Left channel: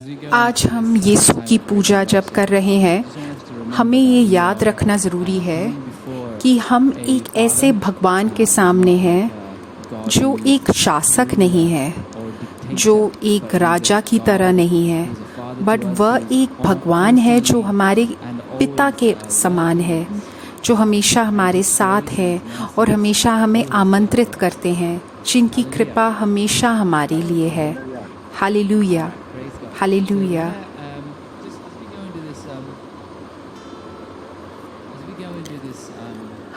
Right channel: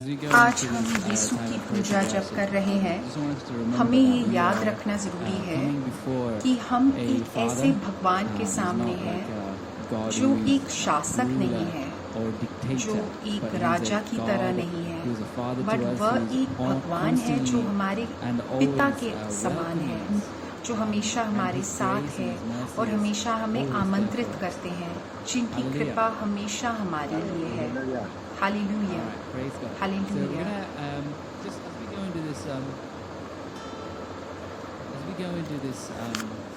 आज हम यीशु की पूजा जब कर रहे हैं, हमें ये याद रखना ज़रूरी है कि हम एक ऐसे भगवान के सामने हैं जो एक शासक नहीं है, जो एक राजा की तरह नहीं है, बट वह एक भगवान है जो हमारे पिता के समान है, जो हमेशा हमारे साथ है और हमेशा हमें आमंत्रित करते हैं, जिनकी कृपा हमेशा हमारे लिए है। Hallelujah, hallelujah.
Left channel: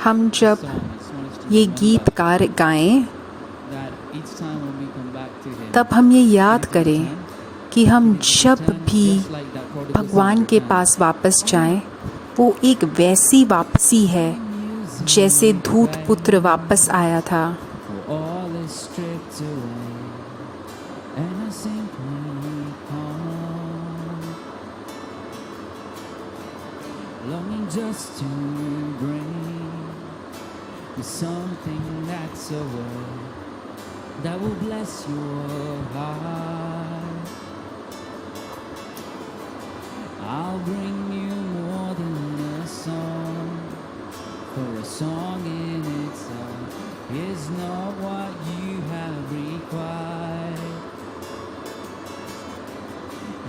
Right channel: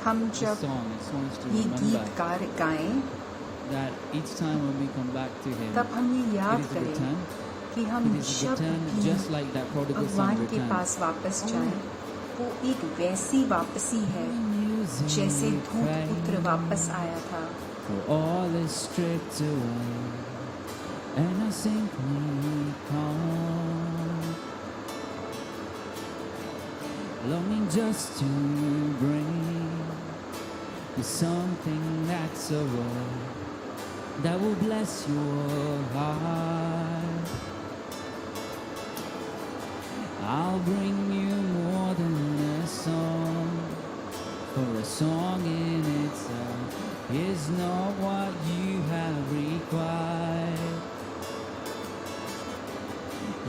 हम जब ये गीत गाएं, तब हम ये याद करें कि हम जब भी भगवान के पास वापस जाएं, वो एक वैसी वापसी है जैसे धूत पुत्र वापस आया था। And I simply come, longing just to bring you something that's a word that will bless your heart. I'll bring you more than a song, for a song in itself is not what you have required.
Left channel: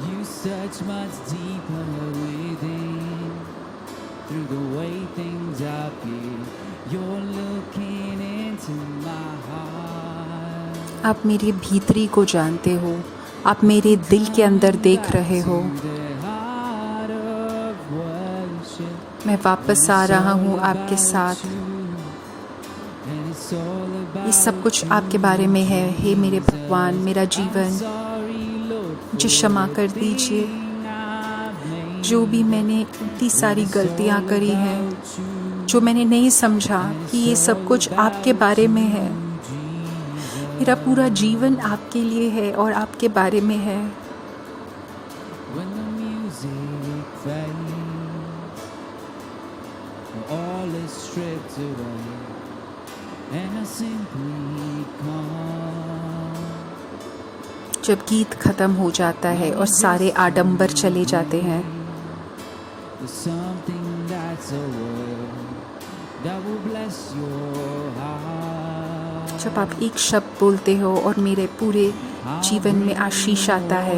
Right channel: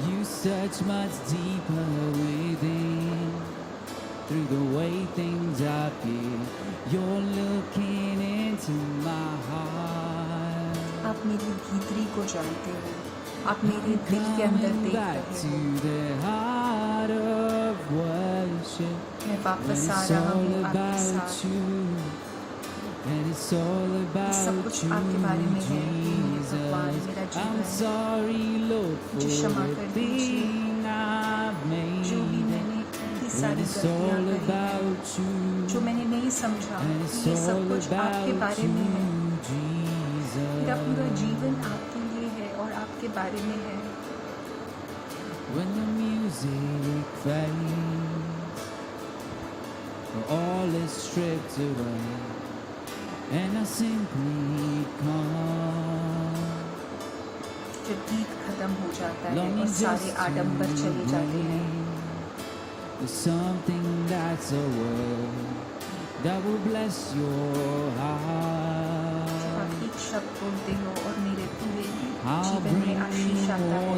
You search much deeper within, through the way things appear. You're looking into my heart. आप मेरे भीतरी को जानते हो, आप मेरे दिल के अंदर देख रहे हो। मैं वापस आ रहा हूँ आपके साथ। ये सब कुछ आपके बारे में है। हे मेरे भगवान, मेरा जीवन मुझे क्षमा कर दीजिए। जो भी मैंने इतनी सारी गलतियाँ करी हैं, जो मैंने नहीं समझा कि ये सब कुछ आपके बारे में है। मेरा पूरा जीवन आपके लिए है और आपके बारे में है। जब गीत खत्म हो जाता है और सारे आडंबर चले जाते हैं, जब आप एक शब्द बोलते हो और मेरे पूरे जीवन में आशीष आता है।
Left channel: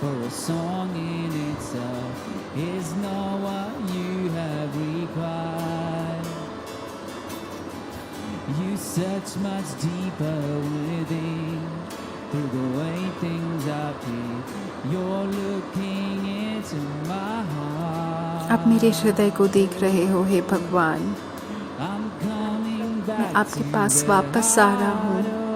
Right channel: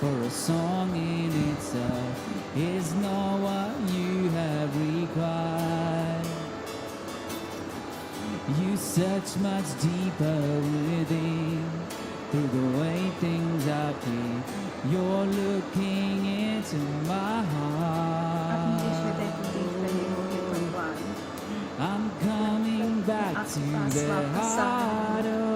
For a song in itself is not what you have required. You search much deeper within, through the way things appear. You're looking into my heart. आप मेरे हृदय को देख रहे हो, हे भगवान। I'm coming back मैं आपके पास वापस आ रहा हूँ।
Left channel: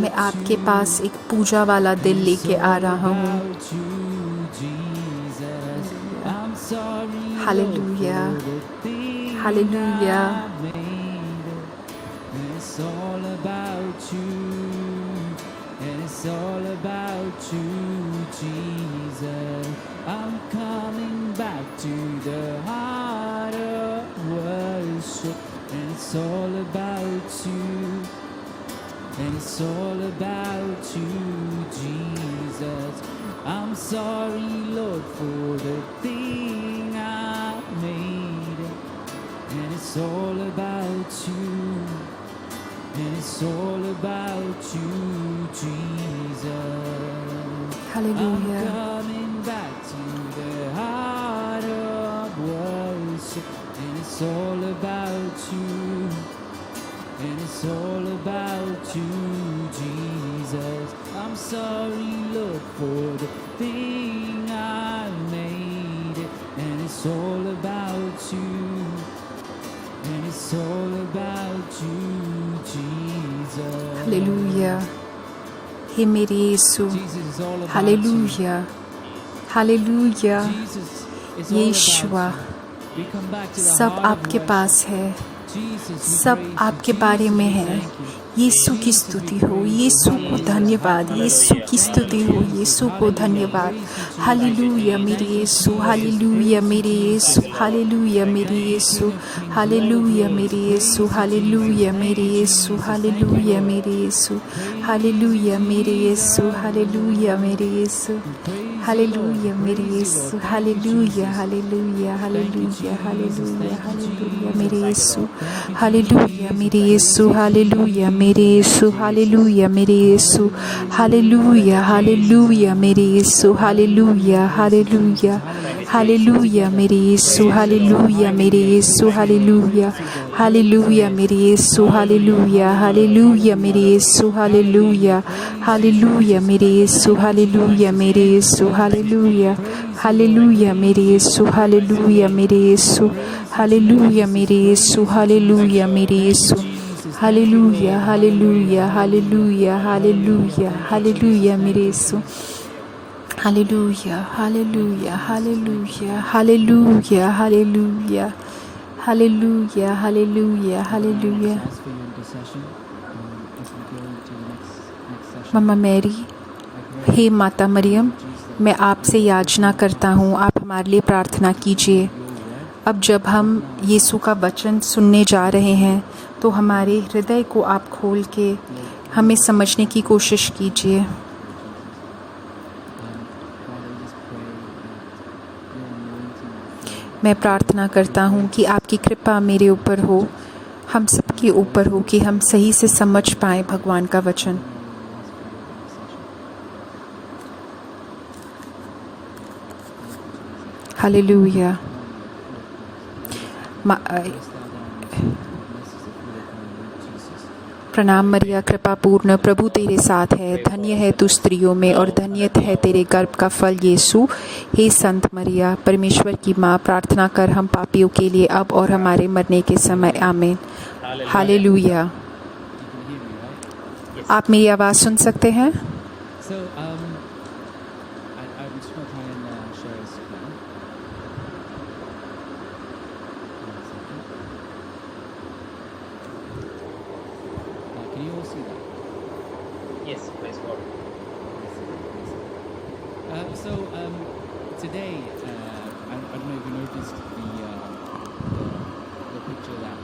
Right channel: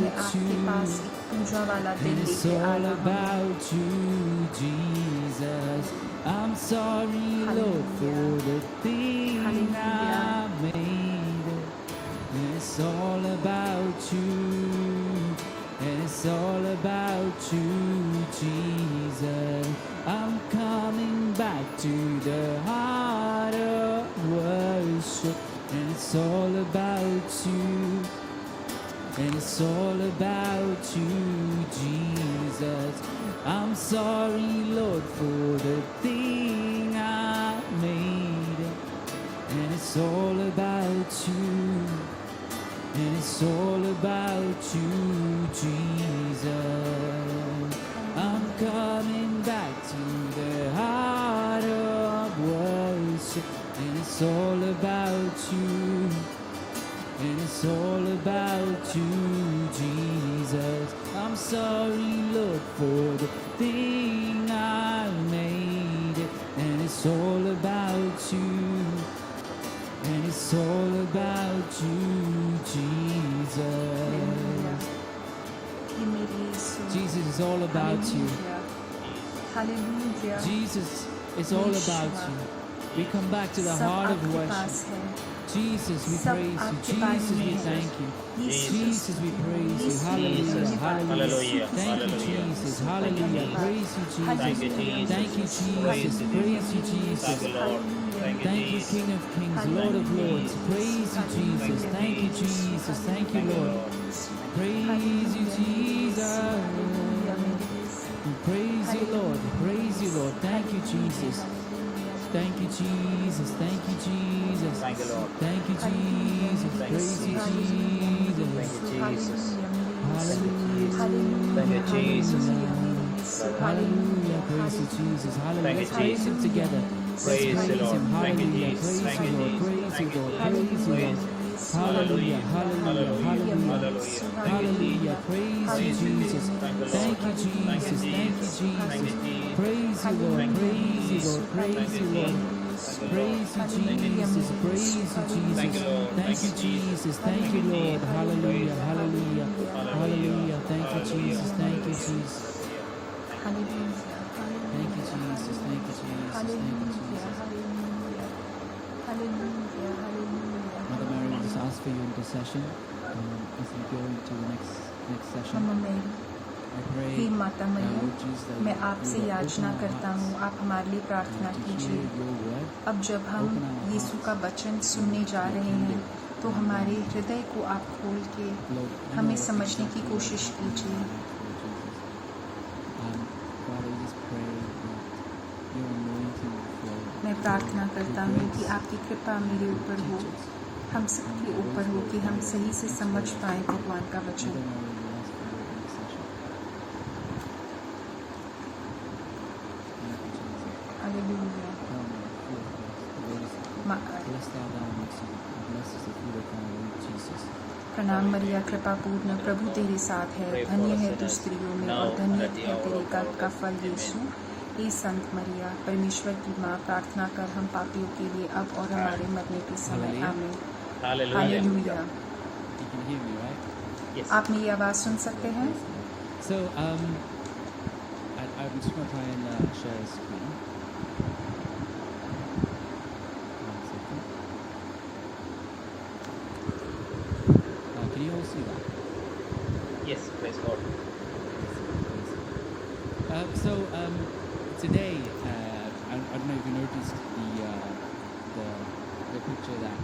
मैं आपके पास एक पूजा वाला दिल लेके आ रहा हूँ। Hallelujah, hallelujah. It's all about you, and it's all about you, Jesus. I'm coming back to the heart of worship, and it's all about you. And it's all about you, Jesus. I'm sorry, Lord, for the thing I made. And it's all about you. And it's all about you, Jesus. Hallelujah. I'm coming back to the heart of worship. And it's all about you. And it's all about you, Jesus. I'm sorry, Lord, for the thing I made. And it's all about you. And it's all about you, Jesus. Hallelujah, हे मेरे यीशु। Jesus is all about hallelujah, hallelujah. Jesus is all यीशुआ, about you. We come back to the सब heart of आपके worship. पास है, Jesus, we सब praise you. आपके Jesus, बारे में we है। thank you. यीशु की स्तुति हो, यीशु को धन्यवाद, यीशु की स्तुति हो, यीशु को धन्यवाद। हालेलुया मेरे यीशु, हालेलुया मेरे यीशु, हालेलुया मेरे यीशु, हालेलुया मेरे यीशु, हालेलुया मेरे यीशु, हालेलुया मेरे यीशु, हालेलुया मेरे यीशु, हालेलुया मेरे यीशु, हालेलुया मेरे यीशु, हालेलुया हालेलुया हालेलुया हालेलुया मेरे यीशु, हालेलुया मेरे यीशु, हालेलुया मेरे यीशु, हालेलुया मेरे यीशु, हालेलुया हालेलुया मेरे यीशु, हालेलुया हालेलुया हालेलुया मेरे यीशु, हालेलुया मेरे यीशु, हालेलुया हालेलुया मेरे यीशु, हालेलुया हालेलुया मेरे यीशु, हालेलुया हालेलुया मेरे यीशु, हालेलुया मेरे यीशु, हालेलुया हालेलुया मेरे यीशु, हालेलुया मेरे यीशु, हालेलुया मेरे यीशु, हालेलुया मेरे यीशु, hallelujah hallelujah hallelujah hallelujah hallelujah मेरे यीशु, hallelujah hallelujah hallelujah hallelujah hallelujah hallelujah hallelujah hallelujah. Ask for your intercession as we go into the next session. Mama Mary, I pray हे माता मरियम, Jesus, मैं आपसे याचना करता हूँ, आप हमारे लिए प्रार्थना कीजिए। your word अब जब हम यीशु का वचन सुनने जा रहे हैं तो हमारे हृदय को आप खोल के हमें समझने की कोशिश कीजिए। Father, we just pray that your anointing will flow. मैं प्रार्थना करता हूँ कि आपकी कृपा मेरे ऊपर हो, हम सबके ऊपर हो, कि हम सही से समझ पाएँ भगवान का वचन। हालेलुया। प्रणाम मरिया, कृपा पूर्ण, प्रभु तेरे साथ है, धन्य है तू स्त्रियों में और धन्य है तेरे गर्भ का फल यीशु। हे संत मरिया, परमेश्वर की माँ, प्रार्थना कर हम पापियों के लिए अब और हमारे मरने के समय, आमीन। Hallelujah. You can hear me, right? आप मेरी आवाज़ सुन सकते हैं? So, I'm just going to try and share a screen. One second. Can you all see that? Yes, praise God. So, today, I don't know if you noticed the picture that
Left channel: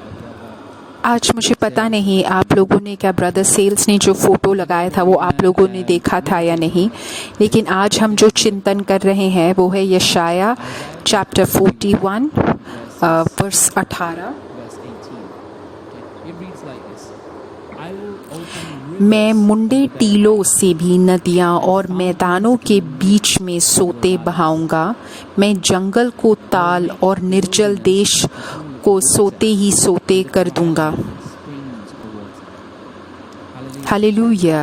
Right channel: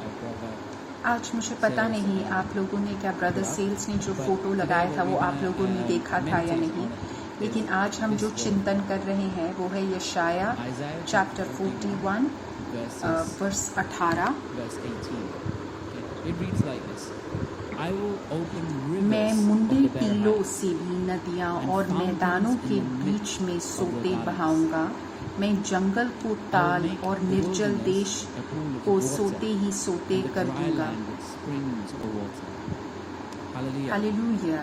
our brother. आज मुझे पता नहीं आप लोगों ने क्या brother sales ने जो फ़ोटो लगाया था वो आप लोगों ने देखा था या नहीं, लेकिन आज हम जो चिंतन कर रहे हैं वो है यशाया chapter 41 verse 18। Verse 18. Okay. It reads like this. I will open मैं rivers मुंडे of the टीलों से भी नदियाँ और मैदानों के बीच में सोते बहाऊंगा, मैं जंगल को ताल और निर्जल देश को सोते ही सोते कर दूंगा। springs of water. Hallelujah. Hallelujah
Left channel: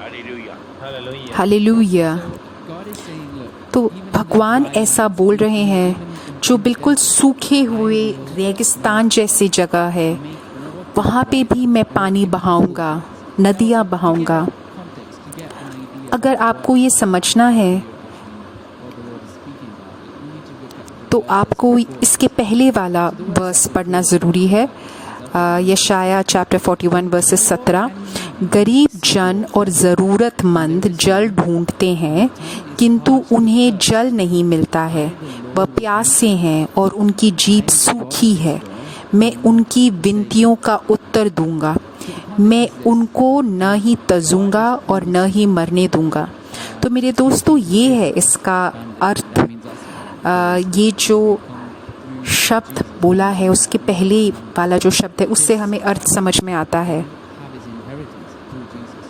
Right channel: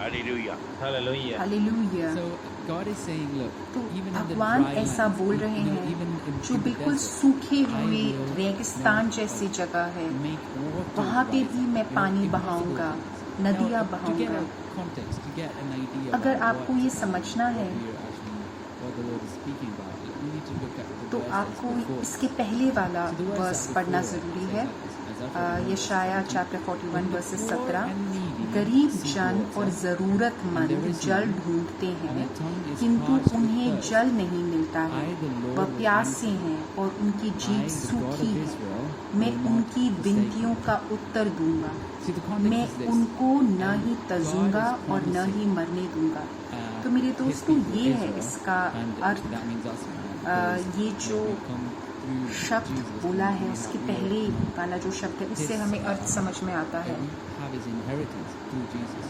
Hallelujah. Hallelujah. Hallelujah. So God is saying, look, तो even in भगवान the dry ऐसा land, बोल रहे even हैं in जो the बिल्कुल desert, सूखे हुए I will रेगिस्तान जैसी जगह है, make waters वहाँ पे rise भी मैं in पानी rocky बहाऊंगा, pools. नदियाँ Now, to बहाऊंगा। get a context, to get an idea अगर of आपको what ये समझना है here actually what the Lord is speaking about, we need to look at the तो verses आपको before. इसके पहले वाला So the words verse that पढ़ना before, ज़रूरी है। यशाया चैप्टर 41 वर्सेस 17। गरीब जन और ज़रूरतमंद जल ढूंढते हैं किंतु उन्हें जल नहीं मिलता है, वह प्यासे हैं और उनकी जीभ सूखी है, मैं उनकी विनतियों का उत्तर दूंगा, मैं उनको न ही तजूंगा और न ही मरने दूंगा। तो मेरे दोस्तों, ये है इसका अर्थ। ये जो शब्द बोला है उसके पहले वाला जो शब्द है उससे हमें अर्थ समझ में आता है। have his inheritance through Jesus.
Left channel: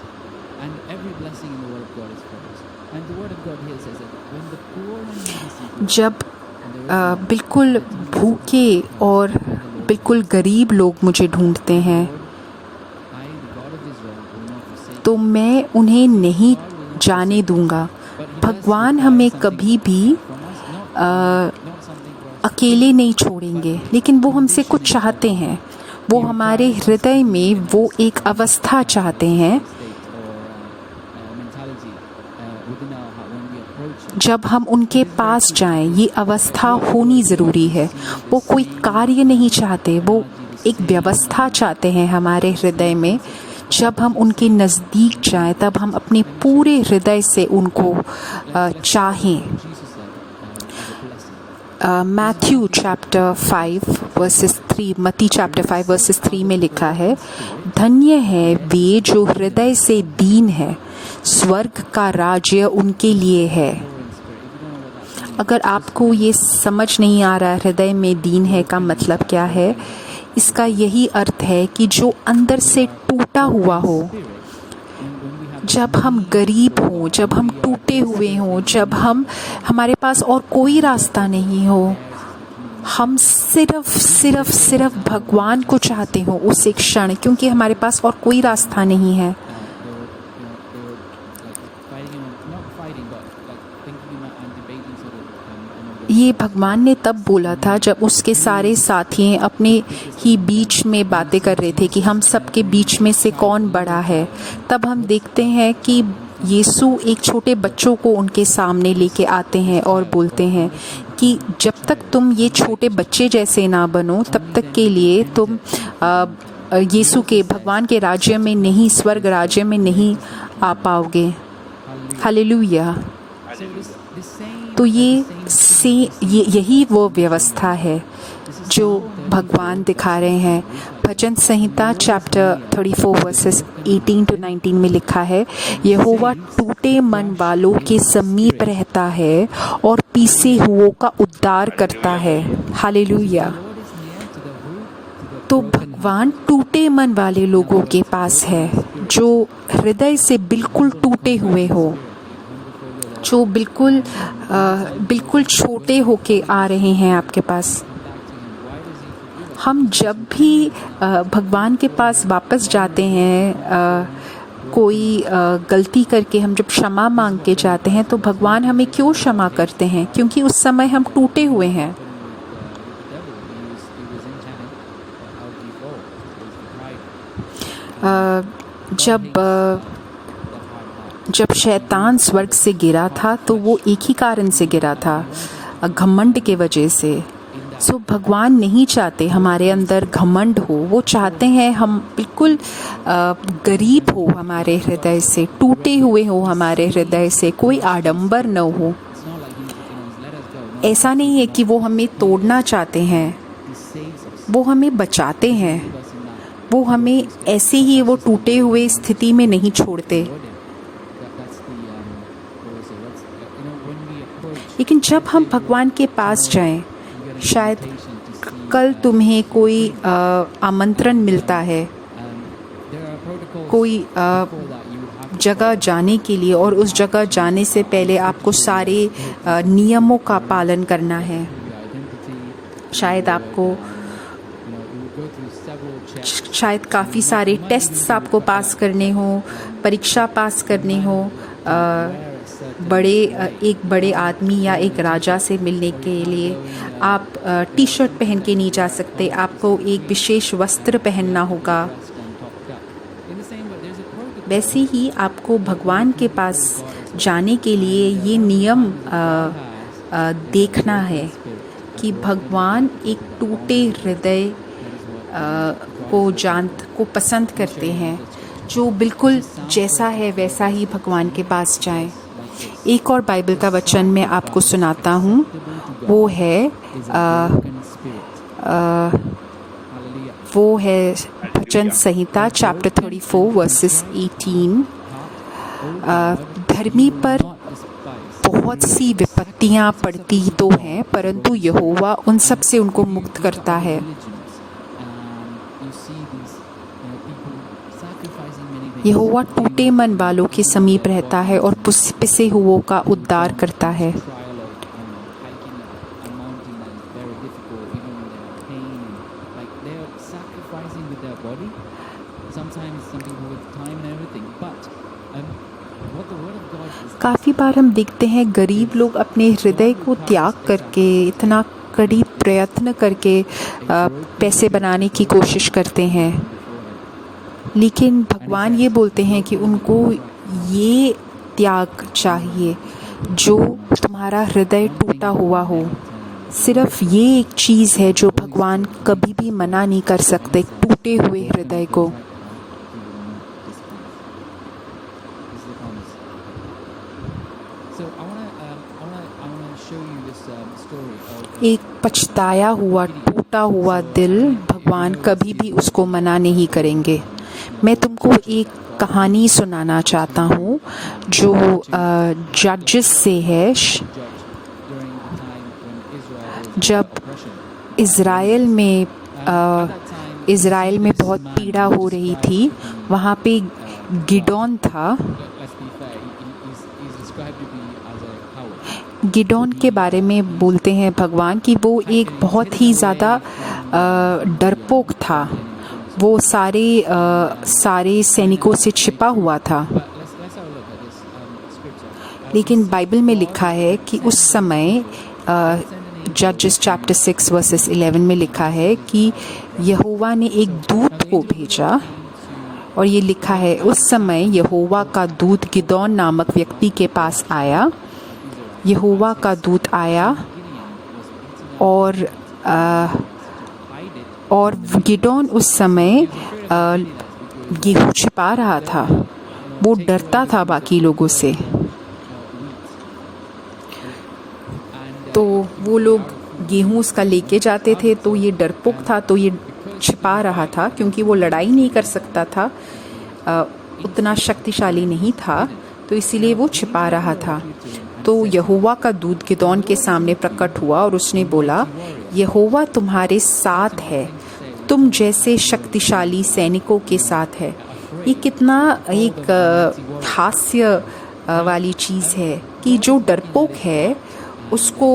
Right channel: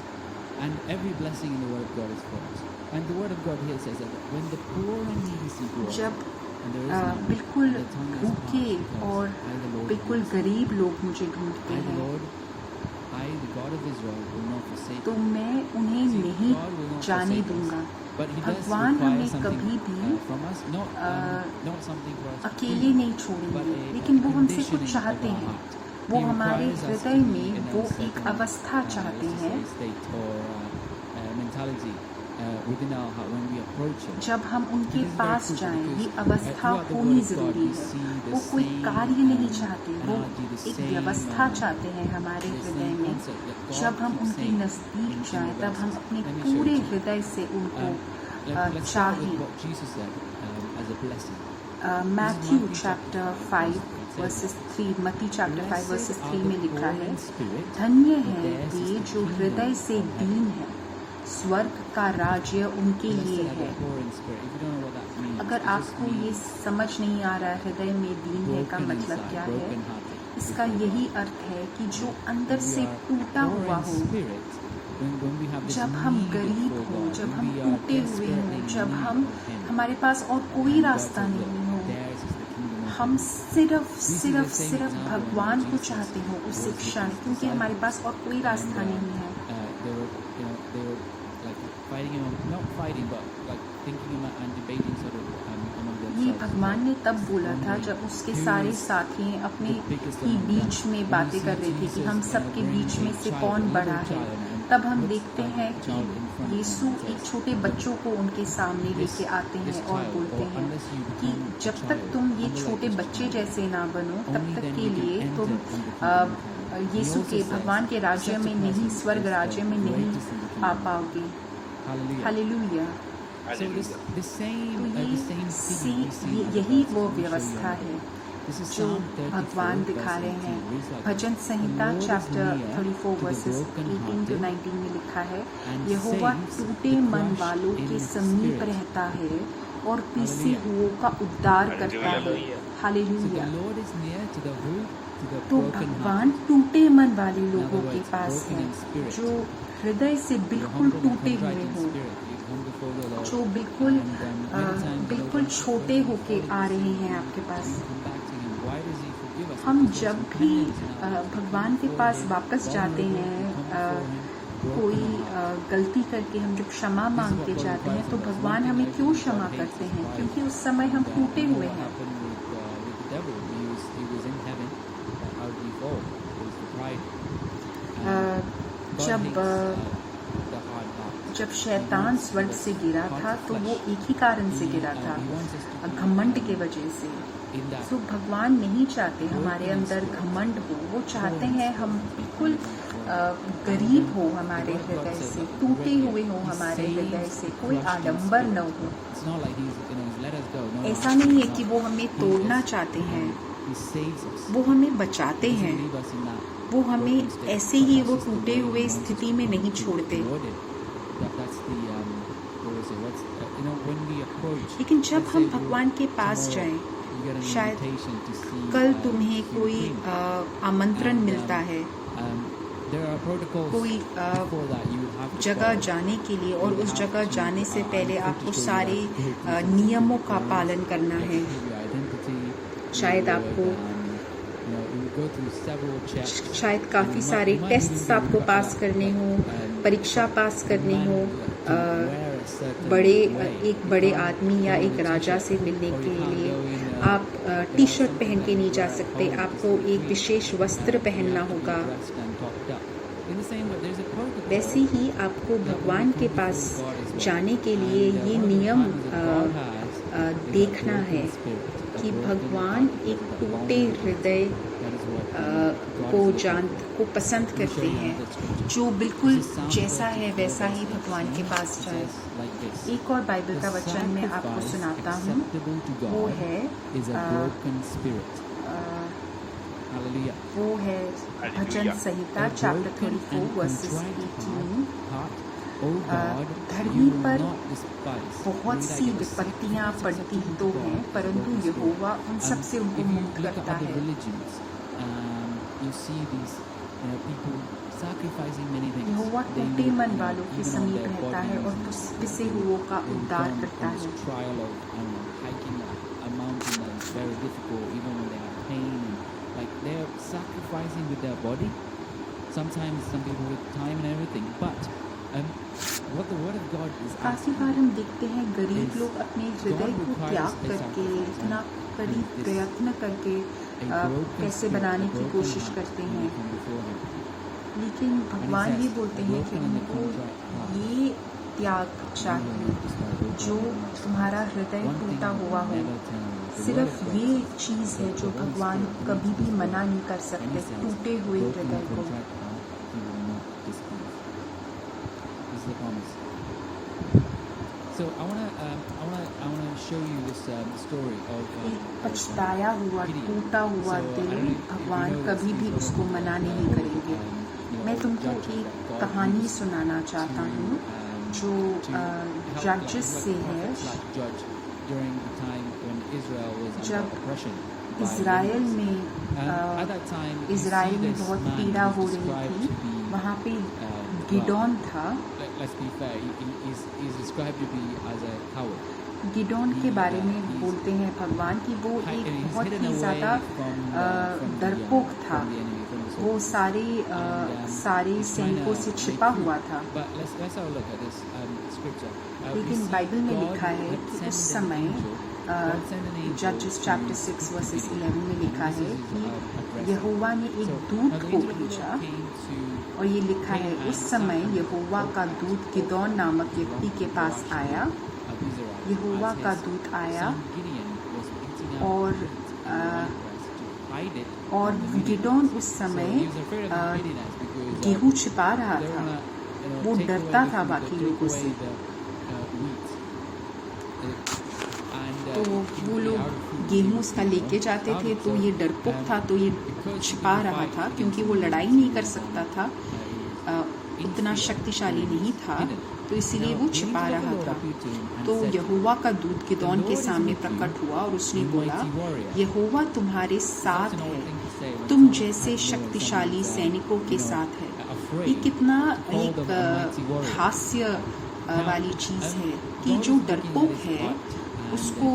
And every blessing in the word of God is promised. And the word of God here says that when the poor and needy seek God, जब and there is no बिल्कुल the tongue of भूखे God, और I, the Lord, बिल्कुल गरीब लोग मुझे ढूंढते हैं I, the God of Israel, will not forsake तो मैं उन्हें नहीं जाने दूंगा। भगवान हमें कभी भी अकेले नहीं छोड़ेंगे, लेकिन वो हमसे कुछ चाहते हैं। वो हमारे हृदय में वो एक अवस्था चाहते हैं जब हम उनके पास जाएं। ये अवस्था होनी ज़रूरी है। वो कोई कार्य नहीं चाहते, वो एक व्यवस्था चाहते हैं हमारे हृदय में। जब हम उनके नज़दीक जाएं तब हम अपने पूरे हृदय से उनको चाहें। मैथ्यू चैप्टर 5 वर्सेस 3, मत्ती चैप्टर 5 वर्सेस 3 में लिखा है, धन्य है वे जो हृदय से दीन है, स्वर्ग का राज्य उनके लिए है। अगर आपको ये समझ नहीं आ रहा हृदय में दीन है का मतलब क्या है, इसका यही अर्थ है कि जो अंदर से टूटा हुआ हो, जब हम गरीब हों, जब हम टूटे हुए हों, जब हमारे पास और कोई रास्ता नहीं हो, हम सिर्फ भगवान को चाहते हो उस एक क्षण, क्योंकि हमारे पास और कोई रास्ता नहीं है। ये भगवान ने तब बोला था जब उसके सारे साथी अपने ही बीच में बातें कर रहे थे कि हम सबके बीच में से कौन बड़ा है। तब हम देखते हैं कि यीशु एक छोटे बच्चों को उनके सामने लेके आते हैं और बोलते हैं कि जब तक तुम ये छोटे बच्चे जैसे ना बनो, तब तक के लिए तुम यीशु के भगवान के राज्य में नहीं, स्वर्ग राज्य में नहीं आ पाओगे। हालेलुया। तो यही वो व्यवस्था है जो भगवान दिखा रहे हैं। भजन संहिता चैप्टर 34 वर्सेस 18 to 19 में लिखा है, यहोवा टूटे मन वालों के समीप रहता है और पीसे हुओं का उद्धार करता है। हालेलुया। तो भगवान टूटे मन वाले लोगों के पास है, जो हृदय से बिल्कुल टूटे हुए हो, जो बिल्कुल छोटे होके आ रहे हैं आपके पास। हम जब भी भगवान के पास वापस जाते हैं, कोई गलती करके हम जब क्षमा मांग के जाते हैं, तो भगवान हमें क्यों क्षमा करते हैं? क्योंकि उस समय हम टूटे हुए हैं। जब शैतान स्वर्ग से गिरा था तो वो एक ही कारण से गिरा था, घमंड के वजह से। सो भगवान नहीं चाहते हमारे अंदर घमंड हो, वो चाहते हैं हम बिल्कुल गरीब हो, हमारे हृदय से टूटे हुए हो, हमारे हृदय से कोई आडंबर न हो। ऐसा नहीं है कि वो हमें तोड़ना चाहते हैं, वो हमें बचाते हैं, वो हमें ऐसे ही वो टूटे हुए स्थिति में नहीं छोड़ते। लेकिन जब हम भगवान के पास जाएं, शायद कल तुम्हें कोई आमंत्रण मिलता है कोई जगह जाने के लिए, और उस जगह जाने से पहले आपको सारे नियमों का पालन करना है। शायद काफ़ी सारे टेस्ट्स आपको पास करने हो, परीक्षा पास करनी हो, एक बड़े आदमी या एक राजा से मिलने के लिए आप टी शर्ट पहन के नहीं जा सकते, आपको एक विशेष वस्त्र पहनना होगा। वैसे ही आपको भगवान के पास जाने के लिए ये नियम देखना है कि भगवान एक टूटे हृदय को पसंद करते हैं, जो बिल्कुल जैसा है वैसा ही भगवान के पास जाए। एक और बाइबल का वचन मैं आपको सुनाता हूँ, वो है भजन संहिता चैप्टर 34 वर्सेस 18। धर्मी पर बहुत सी विपत्तियाँ पड़ती तो हैं, परंतु यहोवा उन सब से उनको मुक्त करता है। यहोवा टूटे मन वालों के समीप रहता है और पिसे हुओं का उद्धार करता है। काफ़ी बार हम देखते हैं गरीब लोग अपने हृदय को त्याग करके, इतना कड़ी प्रयत्न करके पैसे बनाने की कोशिश करते हैं, लेकिन भगवान ये बोलते हैं कि उनको ये त्याग चाहिए जो तुम्हारा हृदय टूटा हुआ हो। सिर्फ ये एक चीज़ है जो भगवान कभी भी मना नहीं कर सकते, टूटे हुए हृदय को। So I wanna show you this story of एक पछताया हुआ टूटा हुआ दिल भगवान कभी भी उसको मना नहीं करेंगे। मैं तुमको एक कहानी सुनाना चाहता हूँ जो जजेस से है। judge during the time when Israel was जब oppression. इज़राइल में At that time, इज़राइल में this बहुत man पीड़ा who हो was रही described थी। to be, वहाँ पे गिडोन था। let's be fair, he's described to be as a coward. Gideon के बारे में बोलते हैं भगवान कि वो एक बहुत ही ज़्यादा डरपोक था। वो सारे सैनिकों से छिपा हुआ था। But let's have a look at this scripture. लेकिन बाइबल में लिखा है कि उस समय जजेस चैप्टर 6 वर्सेस 11 में लिखा है कि यहोवा ने एक दूत को भेजा और ये लिखा है उस समय यहोवा का दूत गिदोन नामक व्यक्ति के पास आया। यहोवा का दूत आया और गिदोन उस समय गेहूं छिपा रहा था। वो डरता था बाकी लोगों से। तो वो लोग गेहूं उसका लेके जाते थे तो ये डरपोक था तो ये छिपा रहा था क्योंकि वो लड़ाई नहीं कर सकता था, उतना शक्तिशाली नहीं था, तो इसीलिए वो छिपा रहा था। तो यहोवा का दूत गिदोन के सामने प्रकट हुआ और उसने बोला, यहोवा तुम्हारे साथ है, तुम जैसे शक्तिशाली सैनिकों के साथ है। ये कितना एक हास्य वाली चीज़ है कि जो डरपोक है उसको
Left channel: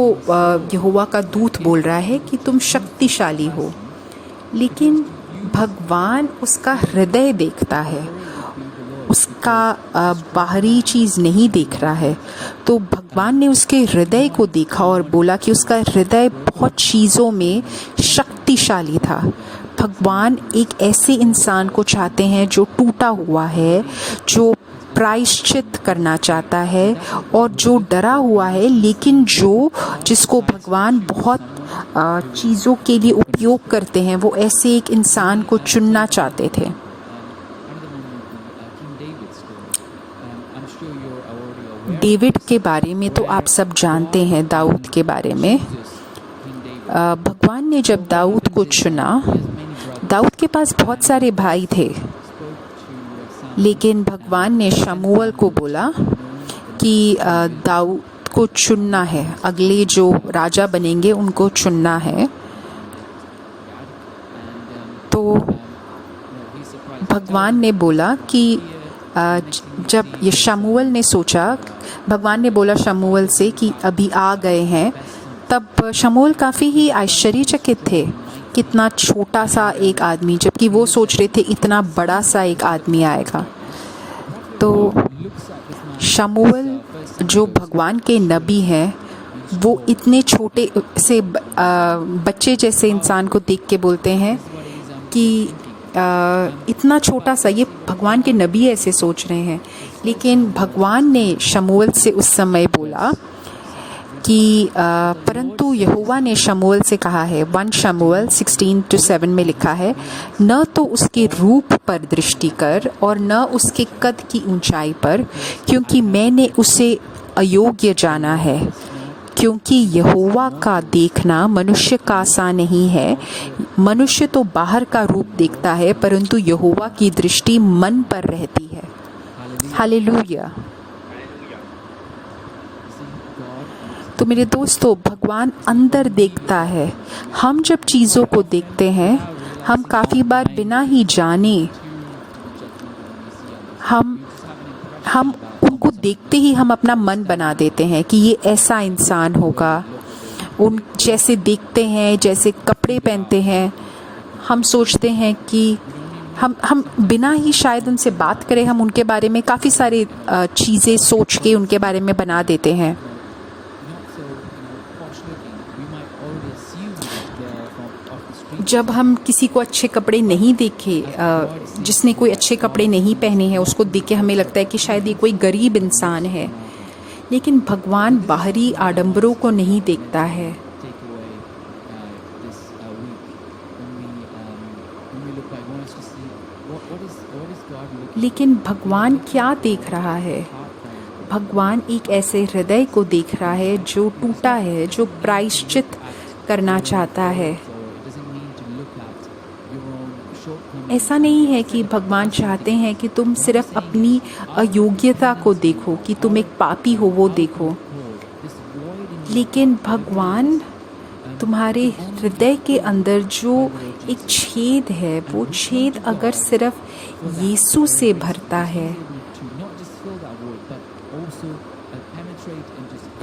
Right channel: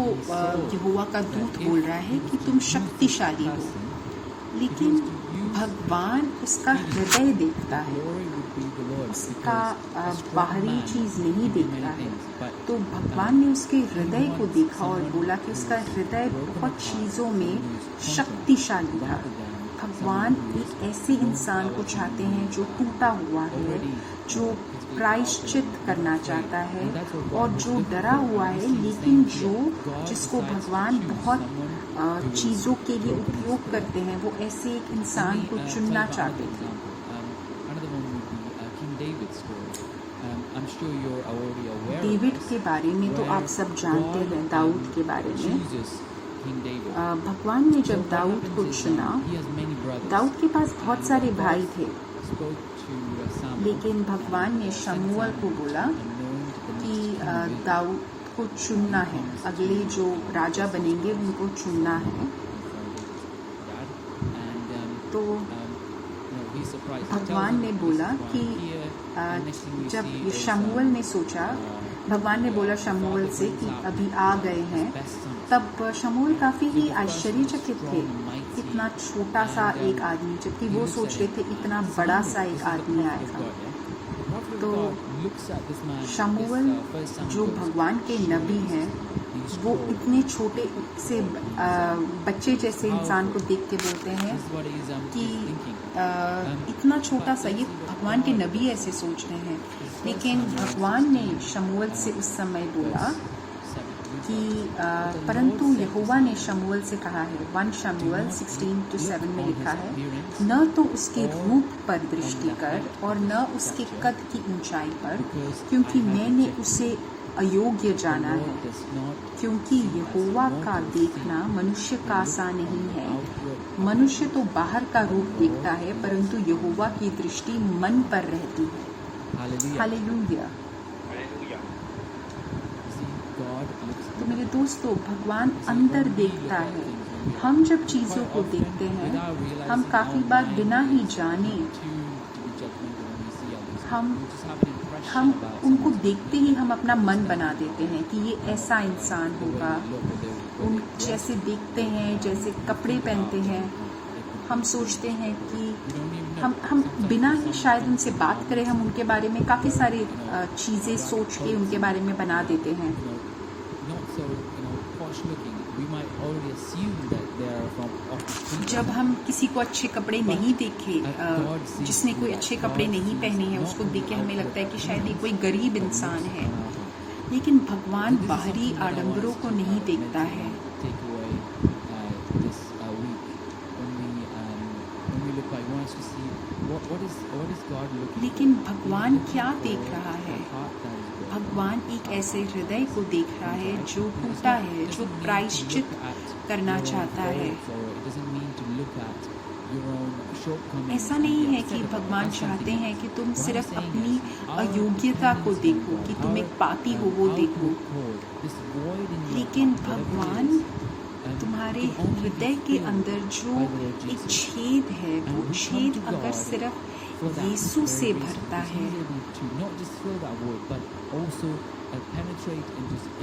यहोवा का दूत बोल रहा है कि तुम शक्तिशाली हो, लेकिन भगवान उसका हृदय देखता है, उसका बाहरी चीज़ नहीं देख रहा है। तो भगवान ने उसके हृदय को देखा और बोला कि उसका हृदय बहुत चीज़ों में शक्तिशाली था। भगवान एक ऐसे इंसान को चाहते हैं जो टूटा हुआ है, जो प्रायश्चित करना चाहता है और जो डरा हुआ है, लेकिन जिसको भगवान बहुत चीज़ों के लिए उपयोग करते हैं, वो ऐसे एक इंसान को चुनना चाहते थे। डेविड के बारे में तो आप सब जानते हैं, दाऊद के बारे में। भगवान ने जब दाऊद को चुना, दाऊद के पास बहुत सारे भाई थे, लेकिन भगवान ने शमूएल को बोला कि दाऊद को चुनना है, अगले जो राजा बनेंगे उनको चुनना है। तो भगवान ने बोला कि जब ये शमूएल ने सोचा, भगवान ने बोला शमूएल से कि अभी आ गए हैं, तब शमूएल काफ़ी ही आश्चर्यचकित थे, कितना छोटा सा एक आदमी, जबकि वो सोच रहे थे इतना बड़ा सा एक आदमी आएगा। तो शमूएल जो भगवान के नबी हैं, वो इतने छोटे से बच्चे जैसे इंसान को देख के बोलते हैं कि इतना छोटा सा, ये भगवान के नबी ऐसे सोच रहे हैं। लेकिन भगवान ने शमूएल से उस समय बोला कि परंतु यहोवा ने शमूएल से कहा है, 1 शमूएल 16-7 में लिखा है, न तो उसके रूप पर दृष्टि कर और न उसके कद की ऊंचाई पर, क्योंकि मैंने उसे अयोग्य जाना है। क्योंकि यहोवा का देखना मनुष्य का सा नहीं है, मनुष्य तो बाहर का रूप देखता है, परंतु यहोवा की दृष्टि मन पर रहती है। हालेलुया। तो मेरे दोस्तों, भगवान अंदर देखता है। हम जब चीज़ों को देखते हैं, हम काफ़ी बार बिना ही जाने हम उनको देखते ही हम अपना मन बना देते हैं कि ये ऐसा इंसान होगा। उन जैसे देखते हैं, जैसे कपड़े पहनते हैं, हम सोचते हैं कि हम बिना ही शायद उनसे बात करें, हम उनके बारे में काफ़ी सारी चीज़ें सोच के उनके बारे में बना देते हैं। जब हम किसी को अच्छे कपड़े नहीं देखे, जिसने कोई अच्छे कपड़े नहीं पहने हैं, उसको देख के हमें लगता है कि शायद ये कोई गरीब इंसान है। लेकिन भगवान बाहरी आडंबरों को नहीं देखता है। लेकिन भगवान क्या देख रहा है? भगवान एक ऐसे हृदय को देख रहा है जो टूटा है, जो प्रायश्चित करना चाहता है। ऐसा नहीं है कि भगवान चाहते हैं कि तुम सिर्फ अपनी अयोग्यता को देखो, कि तुम एक पापी हो वो देखो, लेकिन भगवान तुम्हारे हृदय के अंदर जो एक छेद है, वो छेद अगर सिर्फ यीशु से भरता है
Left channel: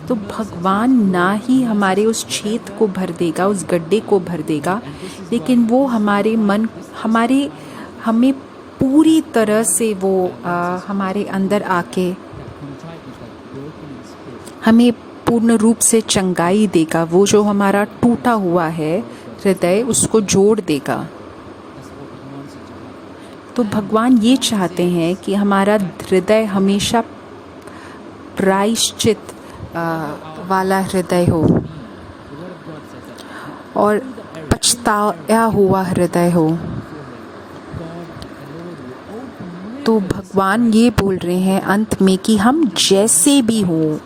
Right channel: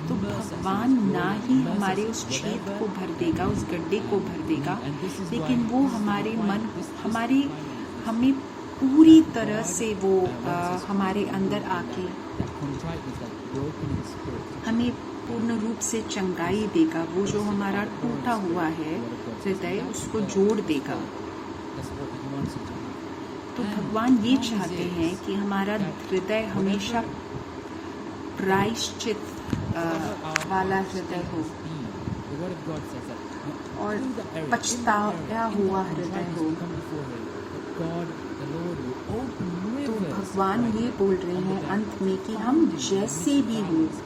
तो भगवान ना ही हमारे उस छेद को भर देगा, उस गड्ढे को भर देगा, लेकिन वो हमारे मन, हमें पूरी तरह से वो हमारे अंदर आके हमें पूर्ण रूप से चंगाई देगा। वो जो हमारा टूटा हुआ है हृदय, उसको जोड़ देगा। तो भगवान ये चाहते हैं कि हमारा हृदय हमेशा प्रायश्चित वाला हृदय हो और पछताया हुआ हृदय हो। तो भगवान ये बोल रहे हैं अंत में कि हम जैसे भी हो,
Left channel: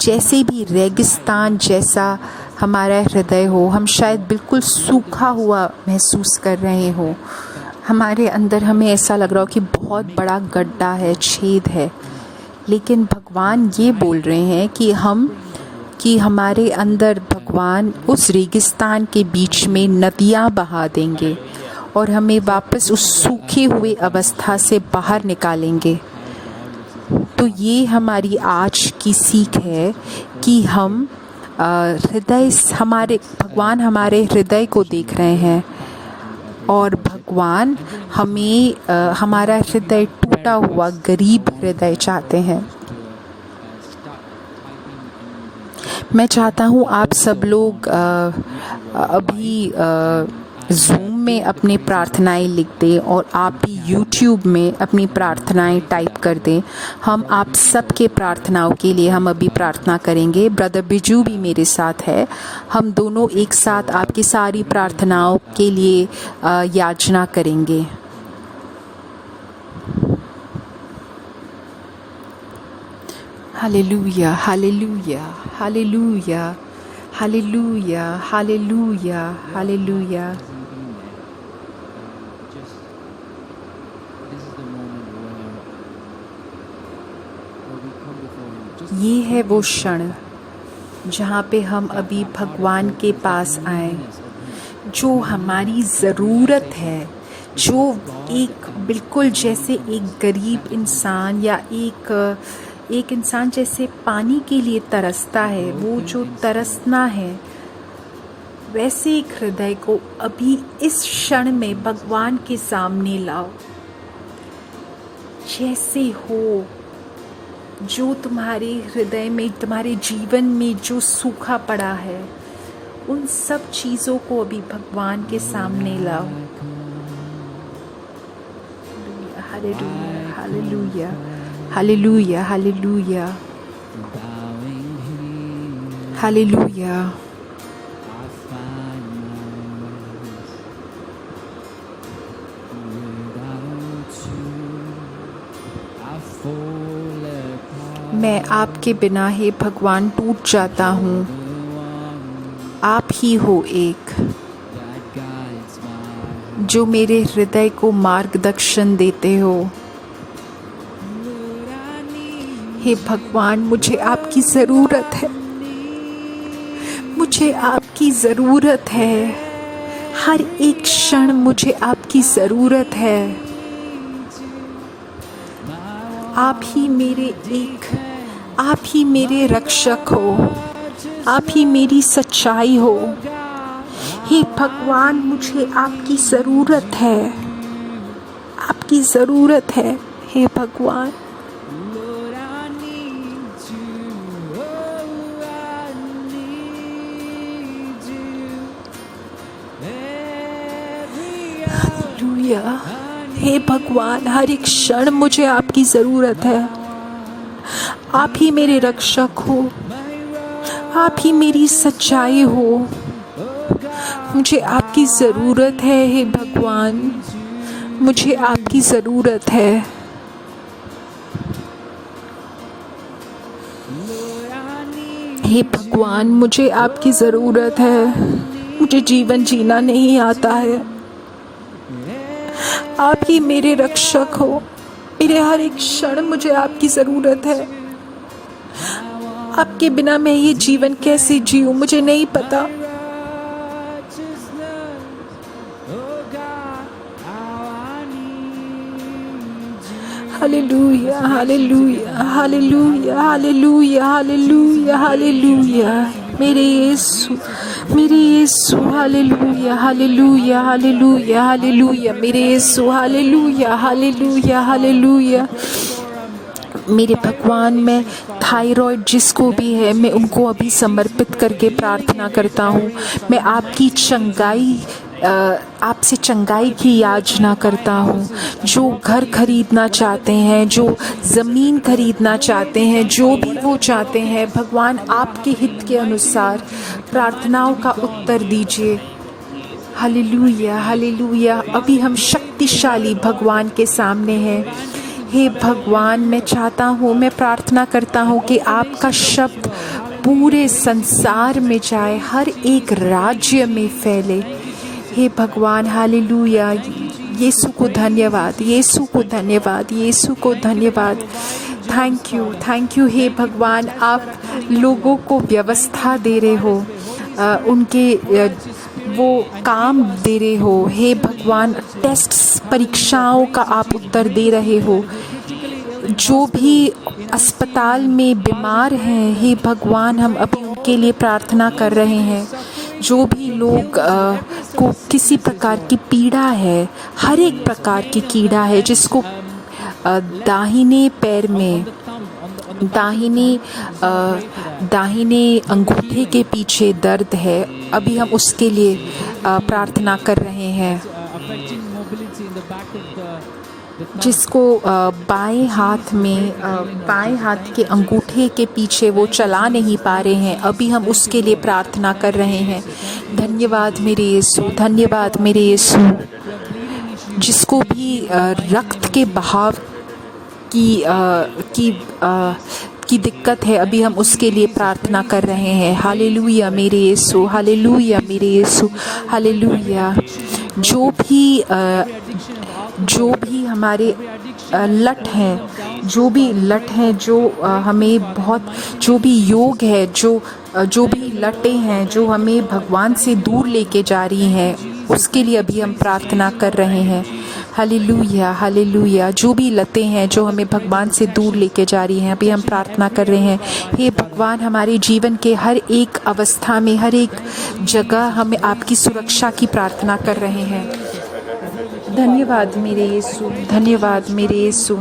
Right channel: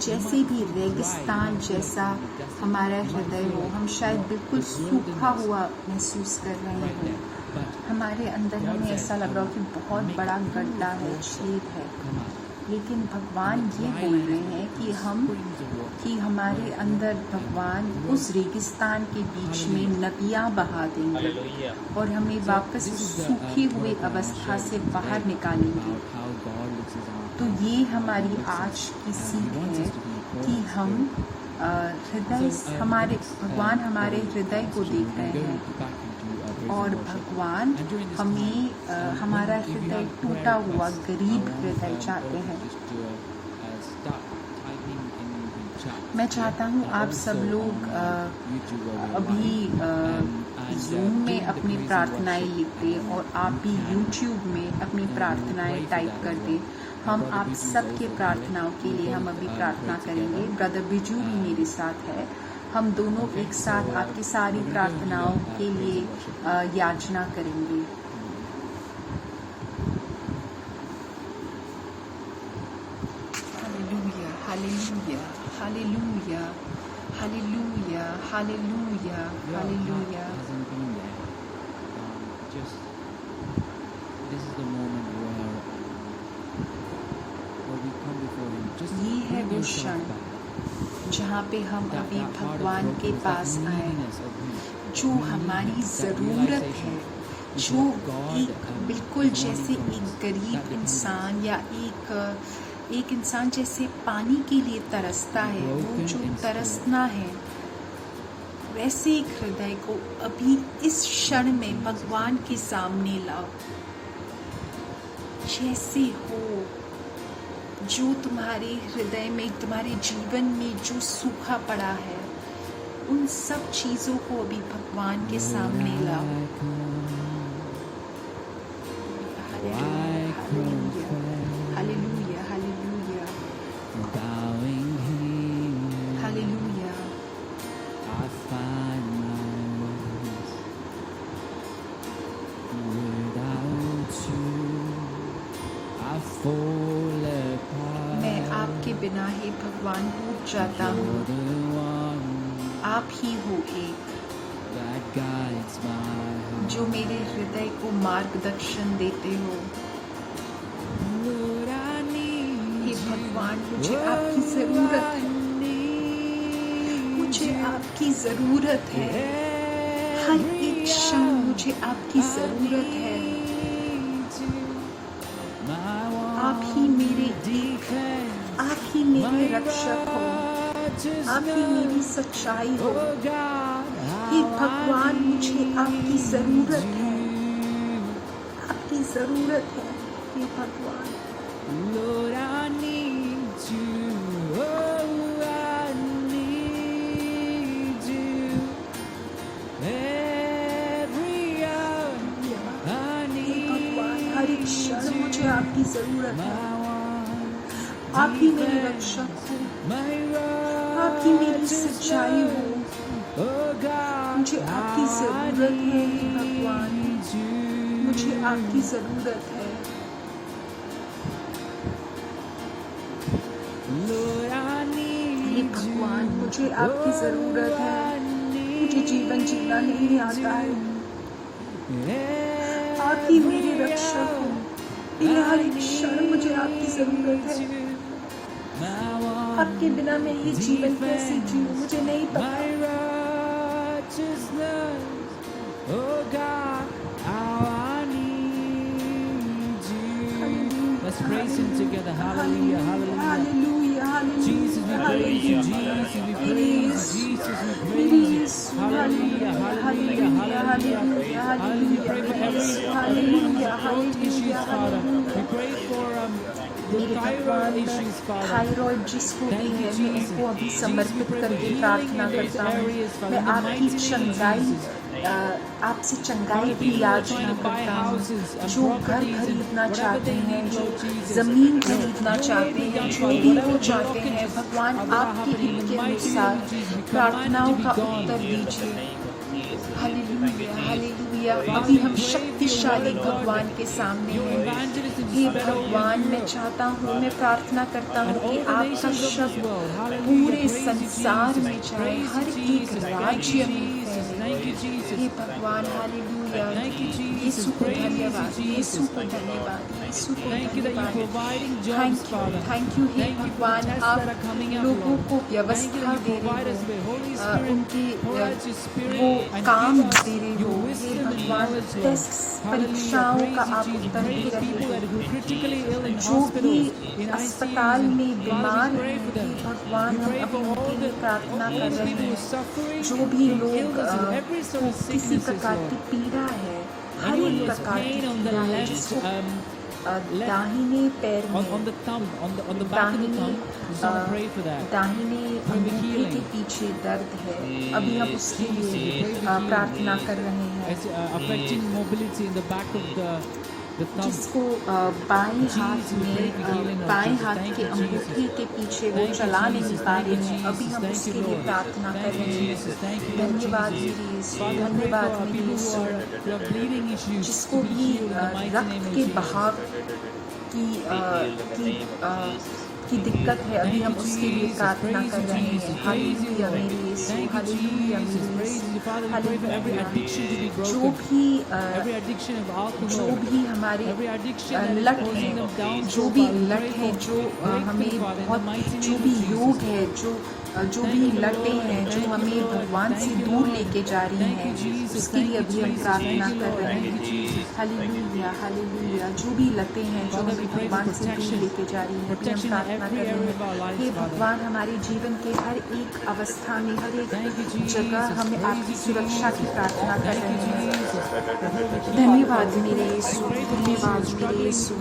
जैसे भी रेगिस्तान जैसा हमारा हृदय हो, हम शायद बिल्कुल सूखा हुआ महसूस कर रहे हो, हमारे अंदर हमें ऐसा लग रहा हो कि बहुत बड़ा गड्ढा है, छेद है, लेकिन भगवान ये बोल रहे हैं कि हमारे अंदर भगवान उस रेगिस्तान के बीच में नदियाँ बहा देंगे और हमें वापस उस सूखे हुए अवस्था से बाहर निकालेंगे। तो ये हमारी आज की सीख है कि हम भगवान हमारे हृदय को देख रहे हैं और भगवान हमें हमारा हृदय टूटा हुआ गरीब हृदय चाहते हैं। मैं चाहता हूँ आप सब लोग अभी ज़ूम में अपनी प्रार्थनाएं लिख दें और आप भी यूट्यूब में अपनी प्रार्थनाएं टाइप कर दें। हम आप सबके प्रार्थनाओं के लिए हम अभी प्रार्थना करेंगे। ब्रदर बिजू भी मेरे साथ है। हम दोनों एक साथ आपकी सारी प्रार्थनाओं के लिए याचना करेंगे। Hallelujah, hallelujah, hallelujah, hallelujah, hallelujah, hallelujah. ये है वो क्षण जहाँ पे हम अभी भगवान के पास आए, जो हमारी ज़रूरत है, जो एक बिल्कुल जैसे एक गरीब इंसान या एक इंसान जैसे पानी के लिए तरसता है, वो जो तरसना है, वैसे एक हृदय को अभी इस क्षण में भगवान के सामने लाओ। जैसे हो, जो तुम्हारे हृदय में, तुम्हारे जीवन में जो सूखा पड़ा है, उन सब चीज़ों को अभी भगवान के सामने लाओ। Hallelujah, hallelujah, hallelujah, hallelujah. मैं आपके बिना ही भगवान टूट जाता हूँ। आप ही हो एक जो मेरे हृदय को मार्गदर्शन देते हो। हे भगवान, मुझे आपकी ज़रूरत है, मुझे आपकी ज़रूरत है। हर एक क्षण मुझे आपकी ज़रूरत है। आप ही मेरे रक्षक हो, आप ही मेरी सच्चाई हो। हे भगवान, मुझे आपकी ज़रूरत है, आपकी ज़रूरत है। हे भगवान, हे भगवान, हर एक क्षण मुझे आपकी ज़रूरत है। आप ही मेरे रक्षक हो, आप ही मेरी सच्चाई हो। मुझे आपकी ज़रूरत है। हे भगवान, मुझे आपकी ज़रूरत है। हे भगवान, मुझे आपकी ज़रूरत है। मुझे जीवन जीना नहीं आता है। आप ही मेरे रक्षक हो। मेरे हर एक क्षण मुझे आपकी ज़रूरत है। आपके बिना मैं ये जीवन कैसे जीऊँ, मुझे नहीं पता। Hallelujah, hallelujah, hallelujah, hallelujah, hallelujah, hallelujah. मेरे यीशु, मेरे यीशु, हालेलुया, हालेलुया, हालेलुया, हालेलुया। मेरे यीशु, हालेलुया, हालेलुया, हालेलुया। मेरे भगवान, मैं थायराइड जिसको भी है, मैं उनको अभी समर्पित करके प्रार्थना करता हूँ। मैं आपकी चंगाई, आपसे चंगाई की याचना करता हूँ। जो घर खरीदना चाहते हैं, जो ज़मीन खरीदना चाहते हैं, जो भी वो चाहते हैं, भगवान आपके हित के अनुसार प्रार्थनाओं का उत्तर दीजिए। Hallelujah, hallelujah. अभी हम शक्तिशाली भगवान के सामने हैं। हे भगवान, मैं चाहता हूँ, मैं प्रार्थना करता हूँ कि आपका शब्द पूरे संसार में जाए, हर एक राज्य में फैले। हे भगवान, हालेलुया। यीशु को धन्यवाद, यीशु को धन्यवाद, यीशु को धन्यवाद। थैंक यू हे भगवान। आप लोगों को व्यवस्था दे रहे हो, उनके वो काम दे रहे हो। हे भगवान, टेस्ट परीक्षाओं का आप उत्तर दे रहे हो। जो भी अस्पताल में बीमार हैं, हे भगवान, हम अब उनके लिए प्रार्थना कर रहे हैं। जो भी लोग को किसी प्रकार की पीड़ा है, हर एक प्रकार की कीड़ा है, जिसको दाहिने पैर में, दाहिने अंगूठे के पीछे दर्द है, अभी हम उसके लिए प्रार्थना कर रहे हैं। जिसको बाएं हाथ में, बाएं हाथ के अंगूठे के पीछे वो चला नहीं पा रहे हैं, अभी हम उसके लिए प्रार्थना कर रहे हैं। धन्यवाद मेरे यीशु, धन्यवाद मेरे यीशु। जिसको भी रक्त के बहाव की दिक्कत है, अभी हम उसके लिए प्रार्थना कर रहे हैं। हालेलुया मेरे यीशु, हालेलुया मेरे यीशु, हालेलुया। जो भी हमारे लट हैं, जो भी लट हैं, जो हमें बहुत, जो भी योग है, जो भी लटें हैं जो हमें भगवान से दूर लेके जा रही हैं, उसके लिए अभी हम प्रार्थना कर रहे हैं। Hallelujah, hallelujah. जो भी लतें हैं जो हमें भगवान से दूर लेके जा रही हैं, अभी हम प्रार्थना कर रहे हैं। हे भगवान, हमारे जीवन के हर एक अवस्था में, हर एक जगह हम आपकी सुरक्षा की प्रार्थना कर रहे हैं। धन्यवाद मेरे यीशु, धन्यवाद मेरे यीशु।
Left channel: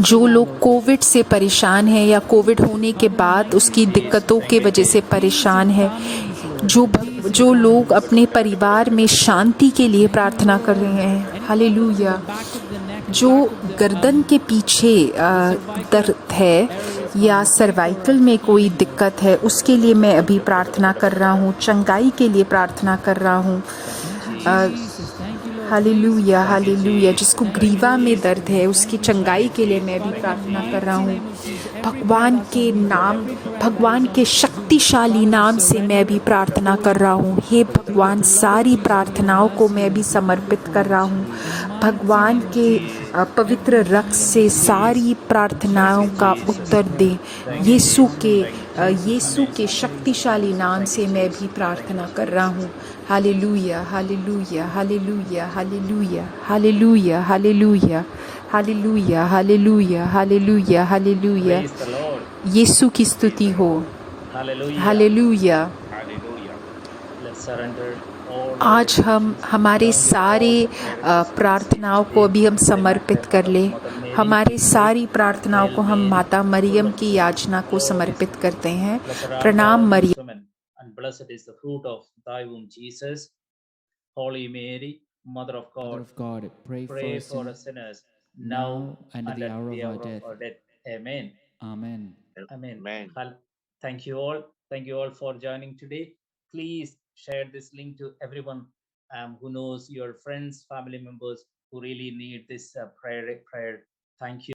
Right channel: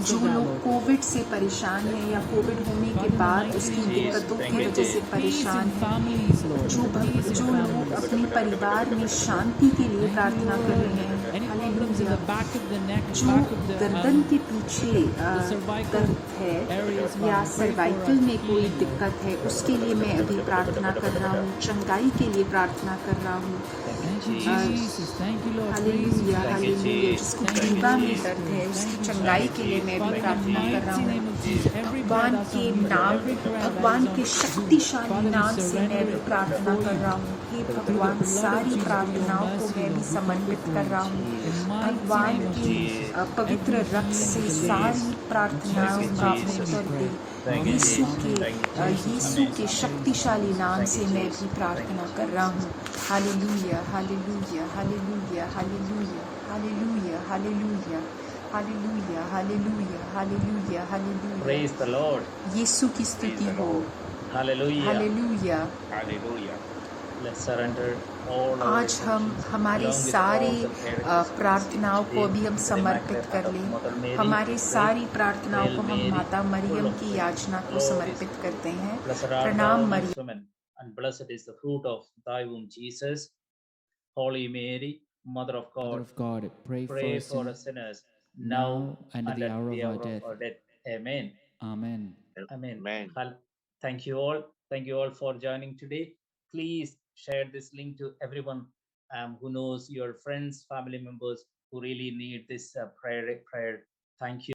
जो लोग कोविड से परेशान हैं या कोविड होने के बाद उसकी दिक्कतों के वजह से परेशान हैं, जो लोग अपने परिवार में शांति के लिए प्रार्थना कर रहे हैं, हालेलुया। जो गर्दन के पीछे दर्द है या सर्वाइकल में कोई दिक्कत है, उसके लिए मैं अभी प्रार्थना कर रहा हूँ, चंगाई के लिए प्रार्थना कर रहा हूँ। Hallelujah, hallelujah. जिसको ग्रीवा में दर्द है, उसकी चंगाई के लिए मैं भी प्रार्थना कर रहा हूँ। भगवान के नाम, भगवान के शक्तिशाली नाम से मैं भी प्रार्थना कर रहा हूँ। हे भगवान, सारी प्रार्थनाओं को मैं भी समर्पित कर रहा हूँ। भगवान के पवित्र रक्त से सारी प्रार्थनाओं का उत्तर दे। यीशु के शक्तिशाली नाम से मैं भी प्रार्थना कर रहा हूँ। Hallelujah, hallelujah, hallelujah, hallelujah, hallelujah, hallelujah, hallelujah, hallelujah, hallelujah, hallelujah. Praise the Lord. यीशु की स्तुति हो। Hallelujah. Hallelujah. Hallelujah. Let's surrender all our आज हम हमारे सारे प्रार्थनाओं को अभी हम समर्पित कर ले। हमारी सारी प्रार्थनाओं को हम माता मरियम की याचना को समर्पित करते हैं। प्रणाम Maryam. And blessed is the fruit of thy womb, Jesus. Holy Mary, Mother of Mother God, of God, pray pray for for us us sinners, now now and at and the at hour the of our hour death. of our death. Amen. Amen. Amen. Amen. Thank you all. Thank you all for joining today. Please share this link to everyone who knows, your friends, family members who really need this prayer. Thank you.